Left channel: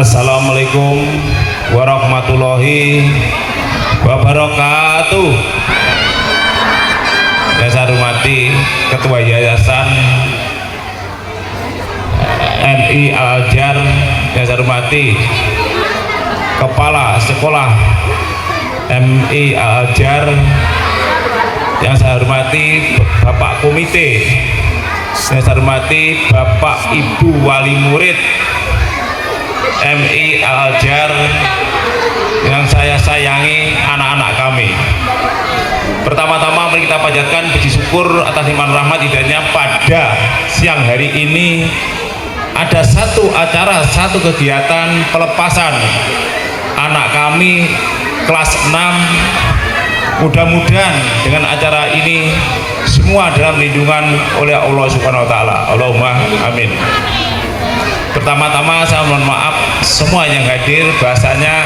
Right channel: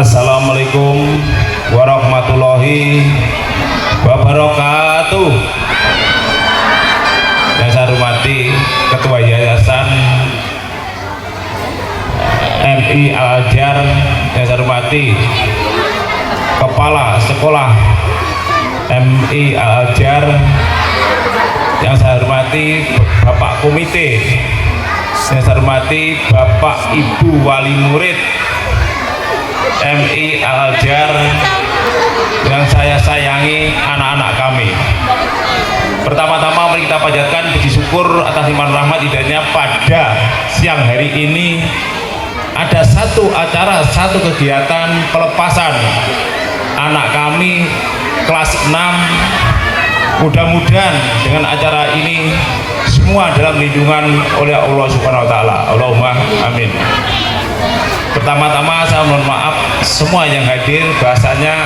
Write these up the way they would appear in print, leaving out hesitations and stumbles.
Assalamualaikum warahmatullahi wabarakatuh. Yang saya hormati Ketua Yayasan MI Al-Azhar, yang saya hormati Kepala Sekolah MI Al-Azhar, yang saya hormati Bapak Komite, yang saya hormati Bapak Ibu Wali Murid MI Al-Azhar, yang saya sayangi anak-anak kami. Pertama-tama mari kita panjatkan puji syukur atas limpahan rahmat hidayahnya pada siang hari ini ada satu acara, satu kegiatan pelepasan anak kami kelas 6. Mudah-mudahan dengan acara ini semua dalam lindungan oleh Allah Subhanahu wa taala. Allahumma amin. Pertama-tama saya mohon maaf semua yang hadir, bahasanya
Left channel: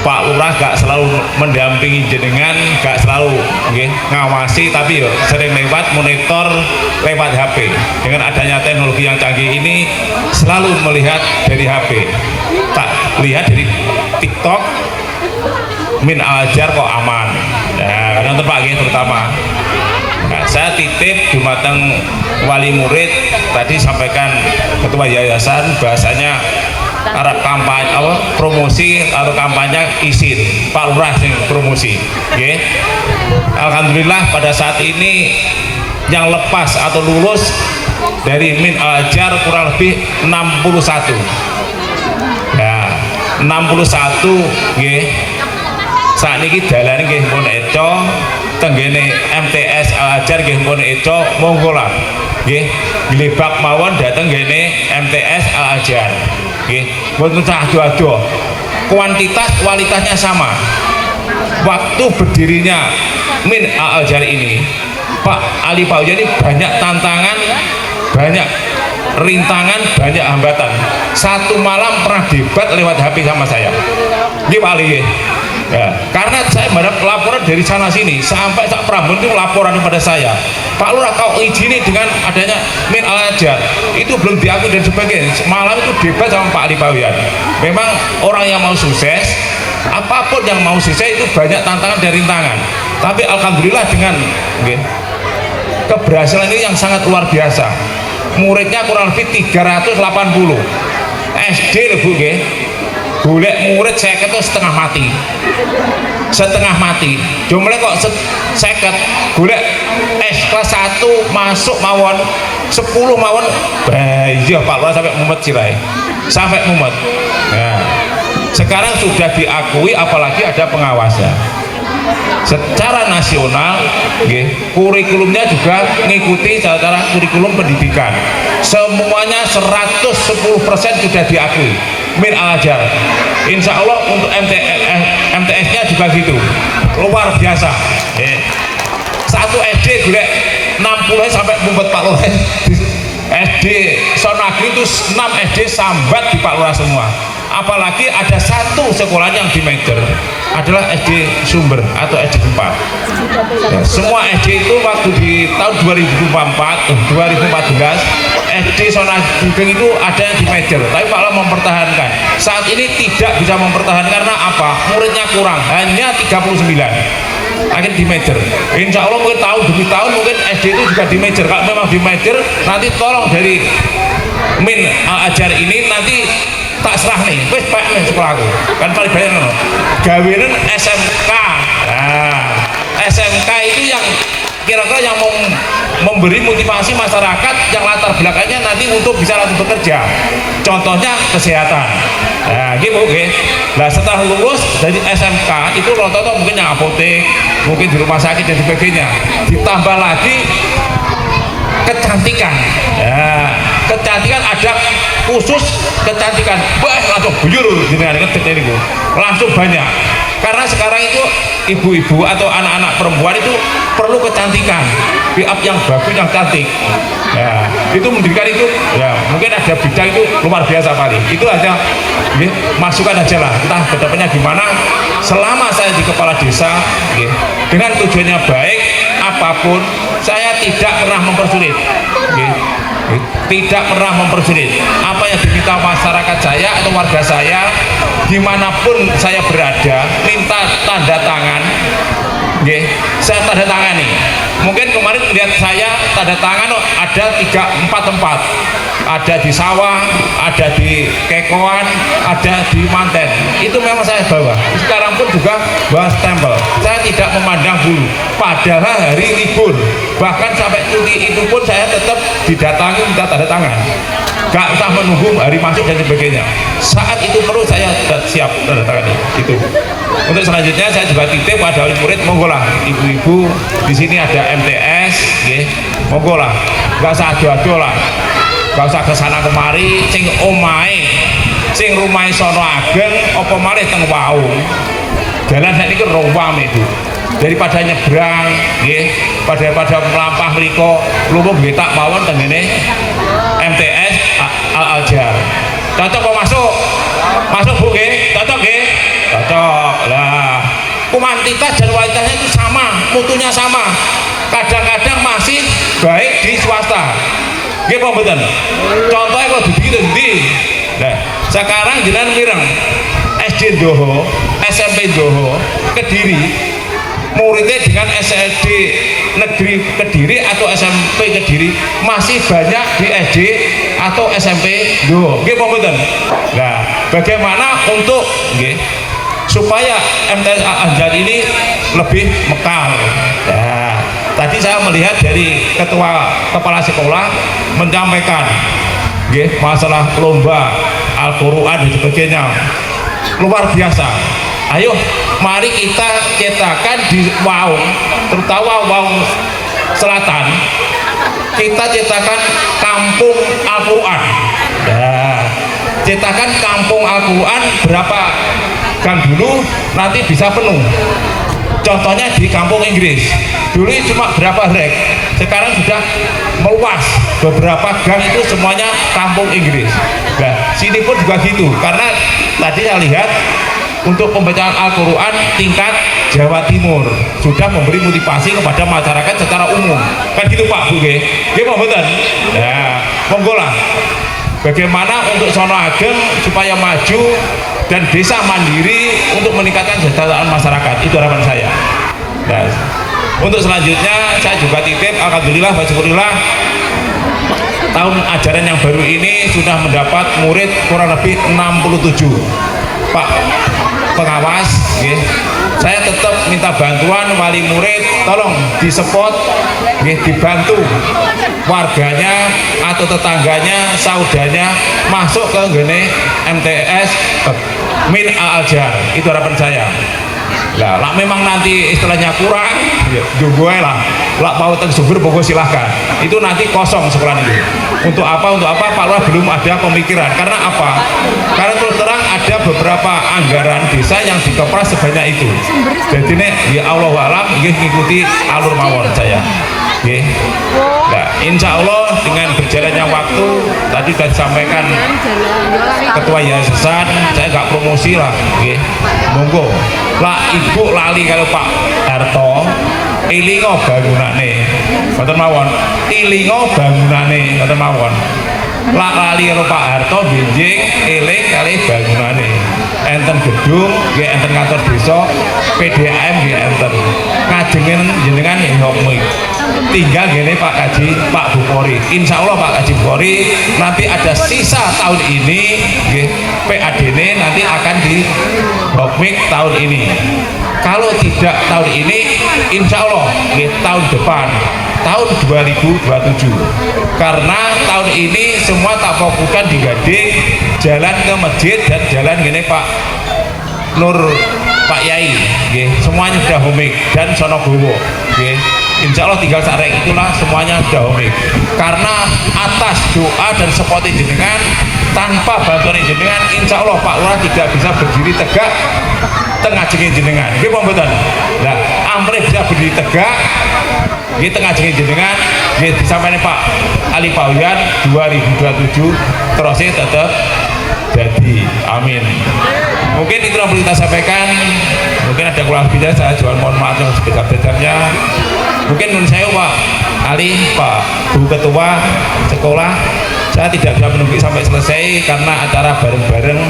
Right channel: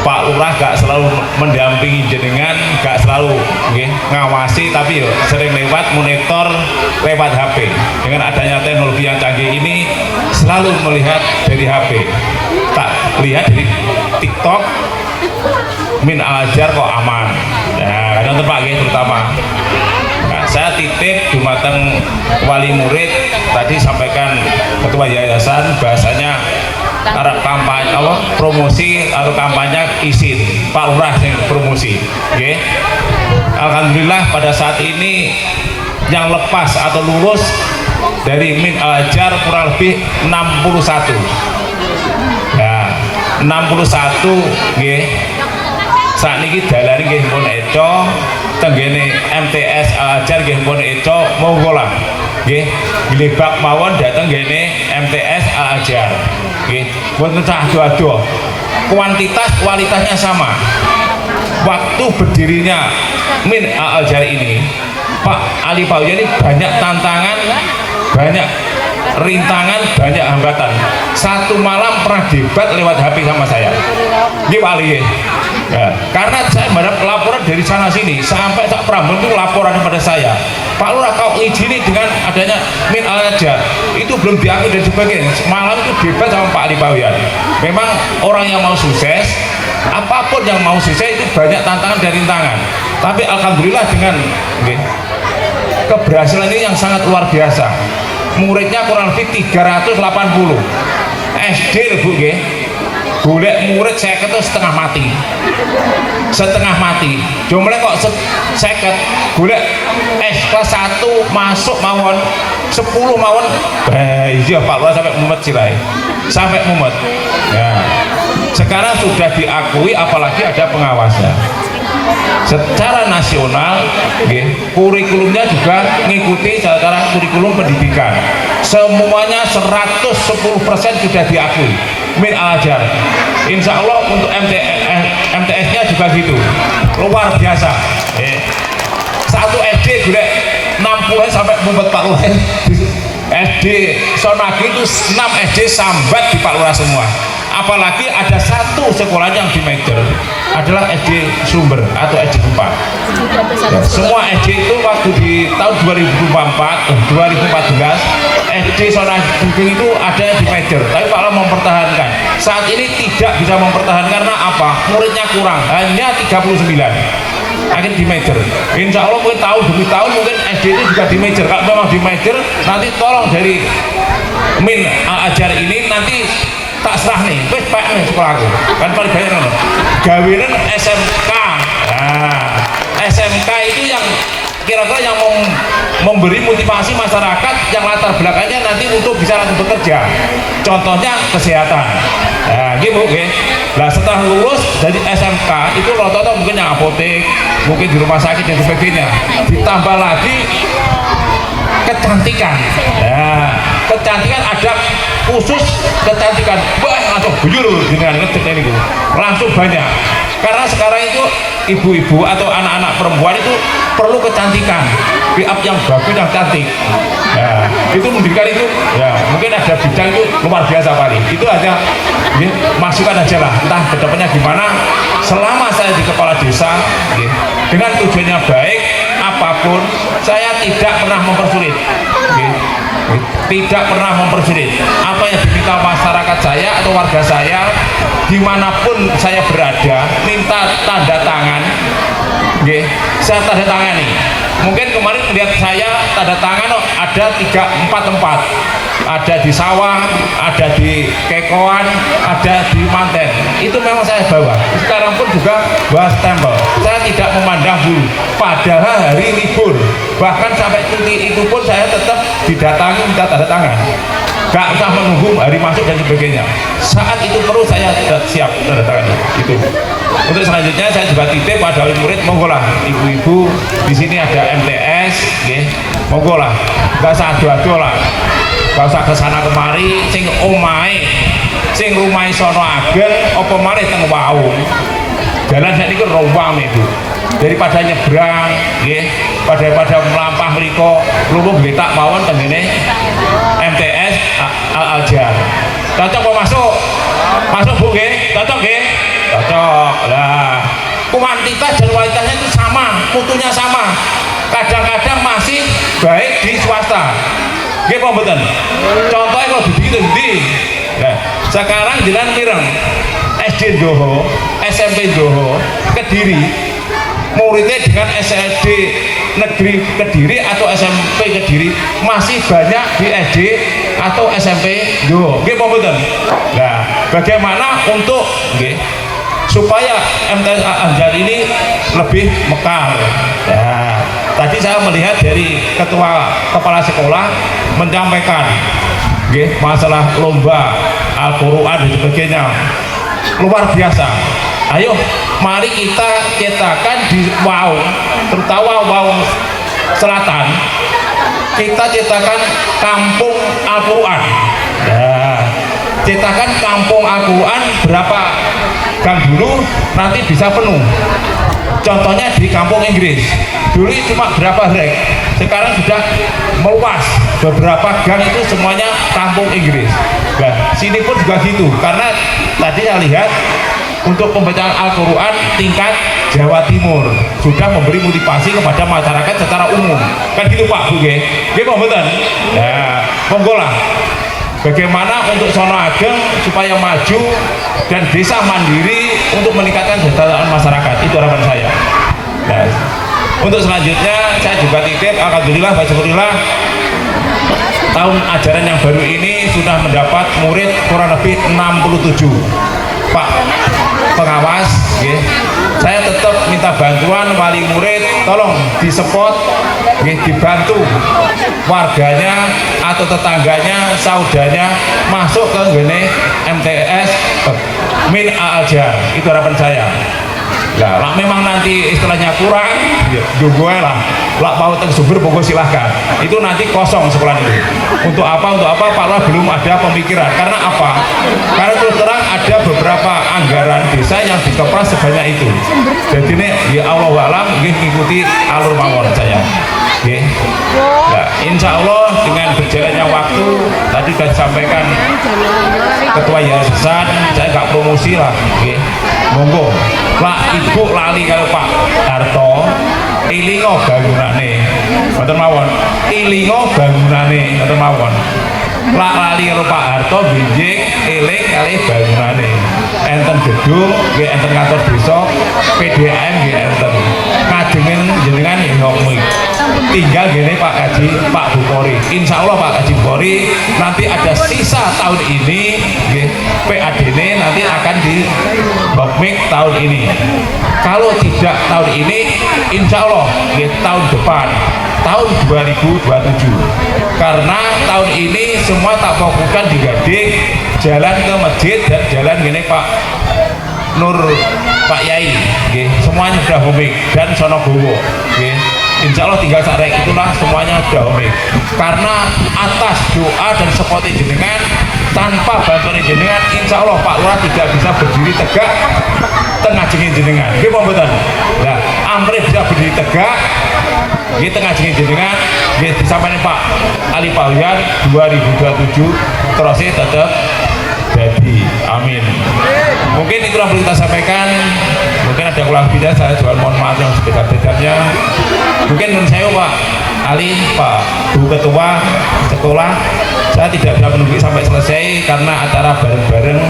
Pak Lurah gak selalu mendampingi jenengan, gak selalu ngawasi, tapi yo sering lewat monitor lewat HP. Dengan adanya teknologi yang canggih ini selalu melihat dari HP, tak lihat dari TikTok. Min Al-Azhar kok aman. Nah, dan tempat terutama. Nah, saya titip dumateng wali murid tadi sampaikan Ketua Yayasan bahasanya Arab kampanye promosi atau kampanye izin Pak Lurah yang promosi. Okay. Alhamdulillah pada saat ini yang lepas atau lulus dari Min Al-Azhar kurang lebih 61. Nah, 61 nggih. Saat ini dalan nggih pun eco tenggene MTS Al-Azhar nggih pun eco monggo lah nggih glebak mawon dateng ngene MTS Al-Azhar nggih mboten cah ado-ado, kuantitas kualitasnya sama. Waktu berdirinya Min Al-Azhar ini Pak Ali Pauja ini banyak tantangan, banyak rintangan, banyak hambatan. Satu malam pernah debat lewat HP sama saya di Wali. Ya, karena saya mendapat laporan dari sana sini sampai Cak Prambon itu laporan kepada saya, Pak Lurah kau izini dengan adanya Min Al-Azhar itu belum diakui dan sebagainya. Malam itu debat sama Pak Ali Pawian. Memang orang yang mau sukses, apapun yang mau sukses itu banyak tantangan dan rintangan. Tapi alhamdulillah dengan keberhasilan ini yang sangat luar biasa. Muridnya kurang lebih 380 SD loh Bu nggih. Golek murid 50 setengah mati. Setengah mati. Jumlah kok 50 golek S kelas 1 masuk mawon 10 mawon. Iya Pak Lurah sampai mumet sirai. Sampai mumet. Nah, sekarang sudah diakui apalagi ada pengawasan. Secara nasional kurikulumnya juga mengikuti secara kurikulum pendidikan, semuanya 110% sudah diakui Min Al-Azhar. Insya Allah untuk MTS nya juga gitu, luar biasa. Satu SD juga 60 sampai mumpet Pak Lurah. SD Sonagri itu 6 SD sambat di Pak Lurah semua. Apalagi ada satu sekolah yang di major adalah SD Sumber atau SD 4. Ya, semua SD itu waktu di tahun 2014 SD Sonagri itu ada yang di major, tapi Pak Lurah mempertahankan. Saat ini tidak bisa mempertahankan karena apa? Muridnya kurang, hanya 39. Akhirnya di major. Insya Allah mungkin tahun demi tahun mungkin SD itu juga di major. Kalau memang di major, nanti tolong dari Min Al-Azhar ini nanti tak serah nih, wes Pak nih sekolahku kan paling banyak nih gawean SMK. Nah, SMK itu yang kira-kira yang memberi motivasi masyarakat yang latar belakangnya nanti untuk bisa langsung bekerja, contohnya kesehatan. Nah gitu oke. Nah setelah lulus dari SMK itu rata-rata mungkin yang apotek, mungkin di rumah sakit dan sebagainya, ditambah lagi kecantikan. Nah, kecantikan ada khusus kecantikan, langsung buyur dengan ini langsung banyak. Karena sekarang itu ibu-ibu atau anak-anak perempuan itu perlu kecantikan, pick up yang bagus, yang cantik. Nah, itu mendidikan itu, ya mungkin ada bidang itu luar biasa kali. Itu aja, ya, masukan aja lah. Entah kedapatnya gimana. Selama saya di kepala desa, ya, dengan tujuannya baik, apapun saya tidak pernah mempersulit. Tidak pernah mempersulit apa yang diminta masyarakat saya atau atau warga saya dimanapun saya berada minta tanda tangan, saya tanda tangani. Mungkin kemarin lihat saya tanda tangan ada 3-4 tempat, ada di sawah, ada di Kekoan, ada di Manten. Itu memang saya bawa. Sekarang pun juga bawa stempel. Saya tidak memandang bulu. Padahal hari libur, bahkan sampai cuti itu pun saya tetap didatangi minta tanda tangan. Gak usah menunggu hari masuk dan sebagainya. Saat itu perlu saya siap tanda tangan itu. Untuk selanjutnya saya juga titip pada murid, monggo lah ibu-ibu di sini ada MTS, monggo lah, nggak usah adu-adu lah, nggak usah kesana kemari, sing rumai sono ageng, opo mari teng wau. Jalan saya ini rawang itu, daripada nyebrang, pada melampah liko, luwung tak mawon tengene MTS Al-Azhar. Cocok mau masuk? Masuk bu, cocok cocok lah. Kuantitas dan kualitasnya itu sama, mutunya sama. Kadang-kadang masih baik di swasta. Apa betul? Contohnya kalau begitu nah, sekarang jalan pirang SD Joho, SMP Joho, Kediri, muridnya dengan SD Negeri Kediri atau SMP Kediri masih banyak di SD atau SMP Joho. Apa betul? Nah, bagaimana untuk supaya MTS Al-Azhar ini lebih mekar. Nah, tadi saya melihat dari ketua kepala sekolah menyampaikan masalah lomba Al-Quran dan sebagainya, luar biasa. Ayo mari kita cetakan di Wau, terutama Wau Selatan, kita cetakan kampung Al-Quran. Nah, cetakan kampung Al-Quran berapa gang dulu nanti bisa penuh. Contohnya di kampung Inggris dulu cuma berapa rek, sekarang sudah meluas, beberapa gang itu semuanya kampung Inggris. Nah, sini pun juga gitu, karena tadi saya lihat untuk pembacaan Al-Quran tingkat Jawa Timur sudah memberi motivasi kepada masyarakat secara umum, kan gitu Pak Bu, Pak betul? Ya, monggo lah. Bagaimana untuk sono ageng supaya maju dan desa mandiri untuk meningkatkan kesejahteraan masyarakat, itu harapan saya. Nah, untuk selanjutnya saya juga titip, alhamdulillah, alhamdulillah, tahun ajaran yang baru ini sudah mendapat murid kurang lebih 67. Pak pengawas, saya tetap minta bantuan wali murid, tolong disupport, dibantu warganya atau tetangganya, saudaranya masuk ke MTS Min Al-Azhar, itu harapan saya. Lah memang nanti istilahnya kurang, gue lah mau tersubur pokok silahkan, itu nanti kosong sekolah itu. Untuk apa Pak Lurah belum ada pemikiran, karena apa? Karena terus terang ada beberapa anggaran desa yang dikepras sebanyak itu. Jadi ini ya Allah alam mengikuti alur mawon saya. Nah, insya Allah dengan berjalannya waktu, tadi sudah disampaikan ketua yayasan, saya nggak promosi lah, monggo lah ibu lali kalau Pak Harto ilingo bangunane mboten mawon, ilingo bangunane mboten mawon, lah lali kalau Pak Harto benjing eling kali bangunane, enten gedung enten kantor desa, PDAM enten kajengen jenengan ngomong tinggal gini Pak Kaji, Pak Bukhori, insya Allah Pak Kaji Bukhori nanti ada sisa tahun ini PADN nanti akan di Bokmik tahun ini. Kalau tidak tahun ini, insya Allah tahun depan, tahun 2027, karena tahun ini semua tak fokuskan di Gading, jalan ke masjid dan jalan gini Pak Nur, Pak Yai, semuanya sudah homik dan Sonogowo. Insya Allah tinggal sarek itulah semuanya sudah homik. Karena atas doa dan support jenengan, tanpa bantuan jenengan, insya Allah Pak Lurah tidak bisa berdiri tegak tengah jengin jenengan. Betul. Nah, Amri bisa berdiri tegak di tengah jengin jenengan. Disampaikan Pak Ali Pauyan 2027 terusnya tetap jadi. Amin. Mungkin itu yang perlu kita sampaikan. Mungkin ada kurang lebihnya, saya juga mohon maaf yang sebesar-besarnya. Mungkin menurut saya Pak Ali, Pak Bu Ketua Sekolah, Saya tidak bisa menunggu sampai selesai karena acara bareng-bareng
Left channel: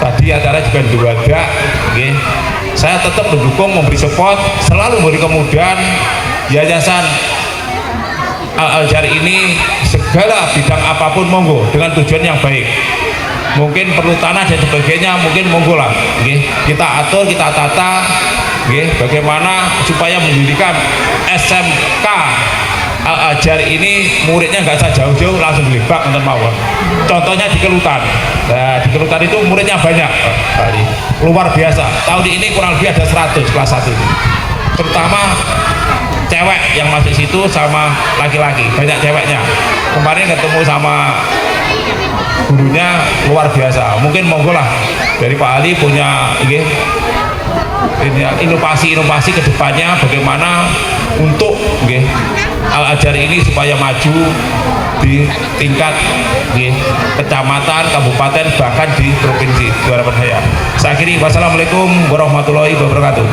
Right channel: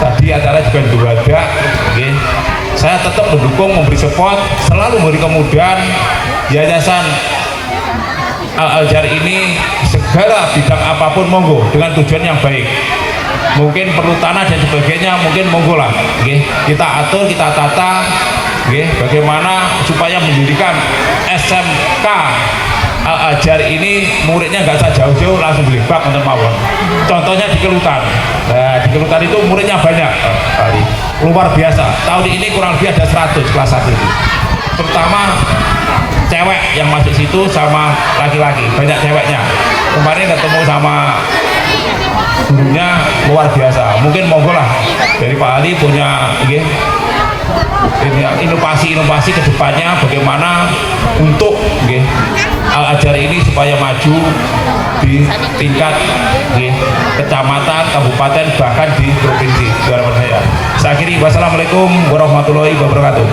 tadi, acara juga diwadah. Saya tetap mendukung, memberi support, selalu memberi kemudahan Yayasan Al-Azhar ini, segala bidang apapun monggo dengan tujuan yang baik. Mungkin perlu tanah dan sebagainya, mungkin monggo lah. Kita atur, kita tata, bagaimana supaya mendirikan SMK Al-Azhar ini muridnya nggak usah jauh-jauh, langsung beli bak nonton mawon. Contohnya di Kelutan. Nah, di Kelutan itu muridnya banyak kali, luar biasa. Tahun ini kurang lebih ada 100 kelas 1 itu. Terutama cewek yang masuk situ sama laki-laki, banyak ceweknya. Kemarin ketemu sama gurunya luar biasa. Mungkin monggo lah dari Pak Ali punya inovasi-inovasi ke depannya bagaimana untuk Al-Azhar ini supaya maju di tingkat kecamatan, kabupaten, bahkan di provinsi. Itu harapan saya. Saya akhiri, wassalamualaikum warahmatullahi wabarakatuh.